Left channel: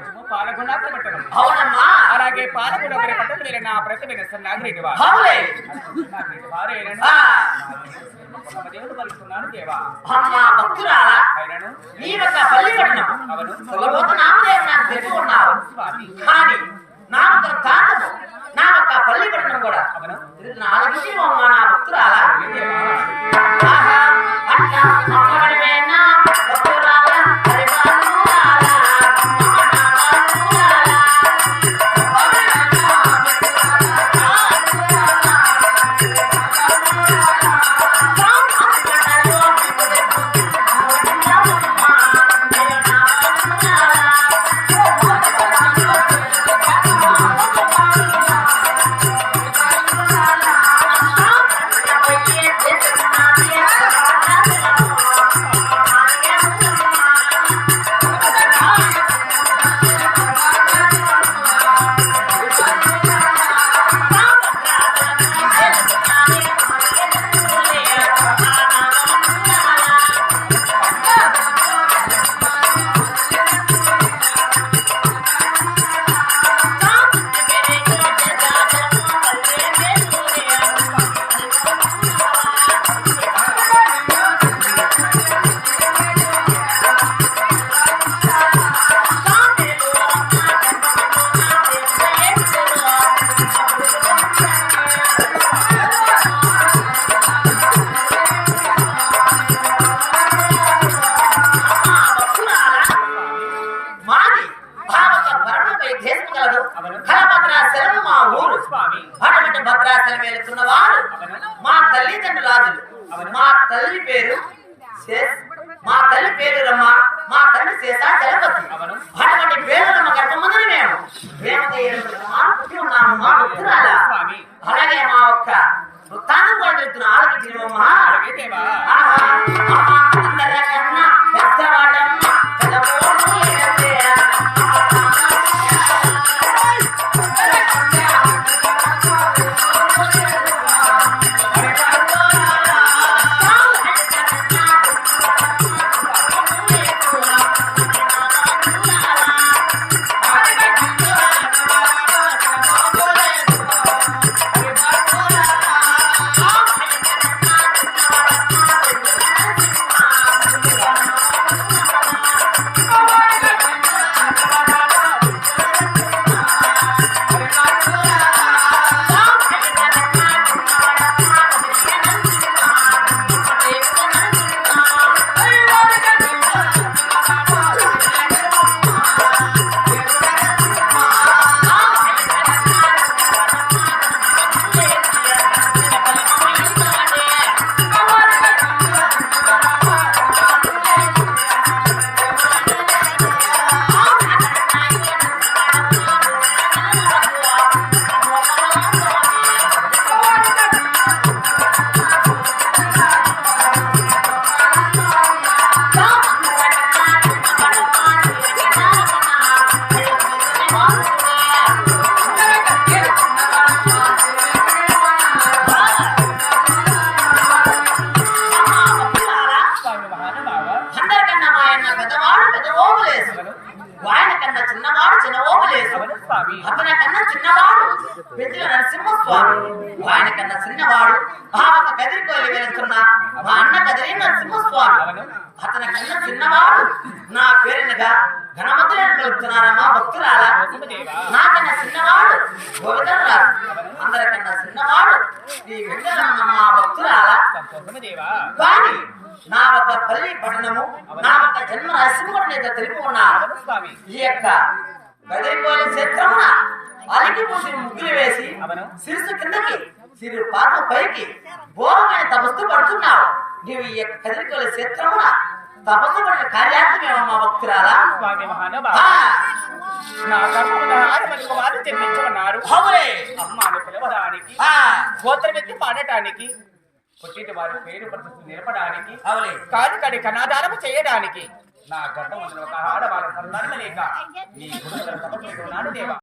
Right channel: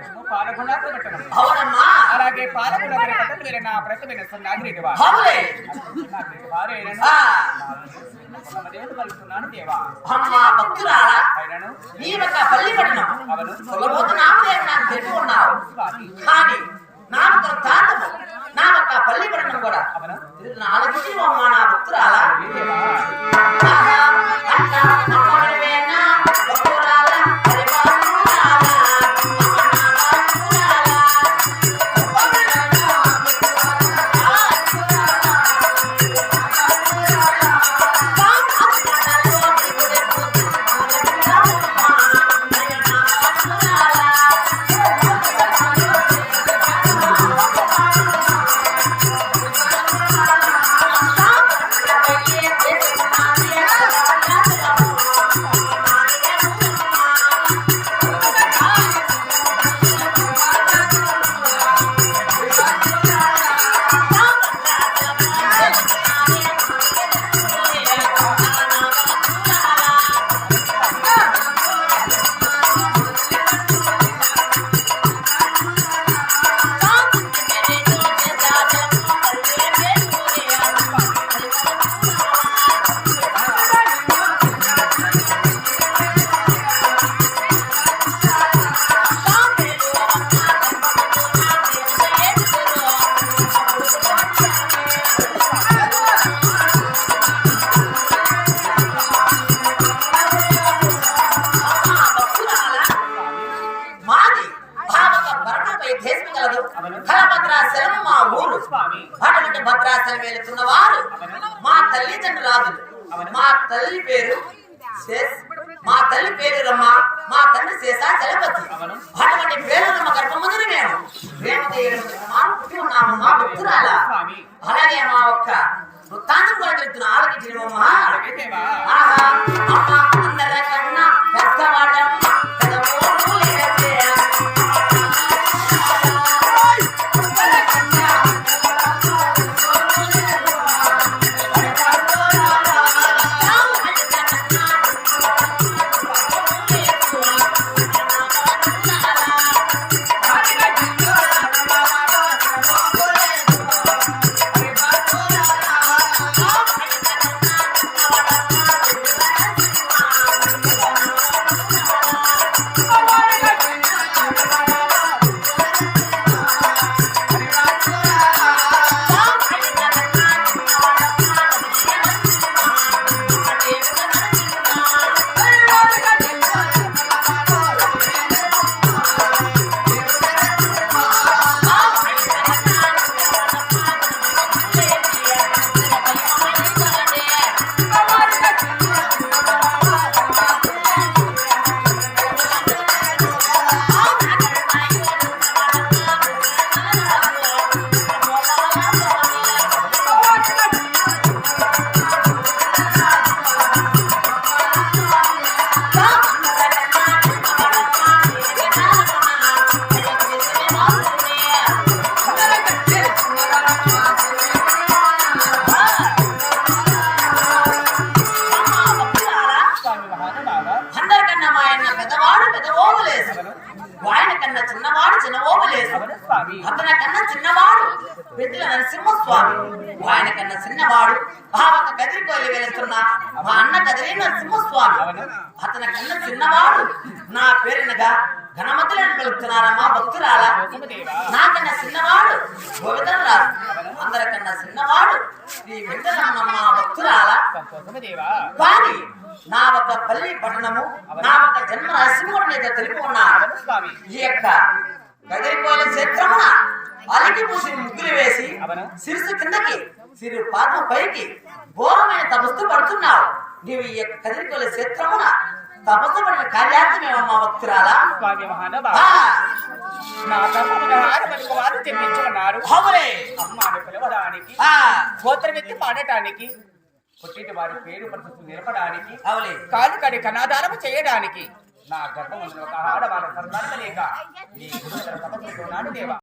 రాజ్యము పాలగుణాపుర పట్టణం అవునమ్మా అలాగే పాలగుణాపుర పట్టణం మీరు నా ప్రతిమైన నాగిరెడ్డి వారు నాగిరెడ్డి వారు ఏనను పొలమదేవుడు పలుకున్నాను దేవా అమ్మా భక్తురాలా అయినను నీ యొక్క పల్లి పట్టణం అవును పొలమోత నామదేవుడు నాకు తెలిసి ఉన్నారు కానీ నా యొక్క తాతము నా యొక్క పల్లి పట్టణం కూడా అవును ఆలకించి అమ్మా నా భక్తురాలా ఆహా అట్లా దేశం కలదు కలభద్రాచలం మా ఊరు. అటువంటి భద్రాచలం వెళుతున్న వారు మా తల్లిదండ్రులాదులు మా తల్లి పేరు మా తల్లి పేరు రమ్మ. మా తండ్రి చేసా చలపతి. అటువంటి పేరు రమ్మ గర్భమందిని మేము. మా భక్తురాల అలాగే మా ఒక్క వృత్తాంతం కూడా తెలుస్తున్న ఆలకి అలాగే ఆహా అమ్మ ఓవలేసు ఆయన కన్నా చిన్నవాడు చిన్న ఓవలేసు అవను స్వామి. అతని కన్నా చిన్నవాడు పెద్దల నరసింహస్వామి. ఆయన కన్నా చిన్నవాడు ఒక కదిరికోలి వెళుతున్న మా అన్న కదిరి నరసింహస్వామి. అతని కన్నా చిన్నవాడు నా పేరునగా ఘనమతులను కలుపుతున్నారమ్మా భక్తురాల? నాకన్నా చిన్నవాడు గోవిందరాజు అందరికన్నా చిన్నవాడు శ్రీ వెంకటరమణ భక్తురాల. కానీ నా ఒక పల్లి పట్టణము నా ఒక జన్మ రహస్యం కూడా నేను తెలిపి ఉన్నాను ఈ యొక్క గదిరిపోలే క్షేత్రమున అలికి పూసి ముగ్గులు వేసి. శిరసు కిందకి సిరి పాదం పైకి ఘోరమైన తపస్సు పడుతున్నావు. నీవు ఈ యొక్క కదిరిపోలే క్షేత్రమున తపస్సు పడిన కార్యార్థమేమమ్మా భక్తురాలా? నా జన్మించమన్నారు గోత్రమెత్తి పాడటానికి పుట్టిన వారి పేరు ప్రతిష్ఠ నిలపడానికి. కాలు కడి కనాదానము చేయడానికి నా గర్భమున ఒక ఆడవాళ్ళ సంతానం లేక నీ గురువుల తపస్సు ఉన్నాడు దేవా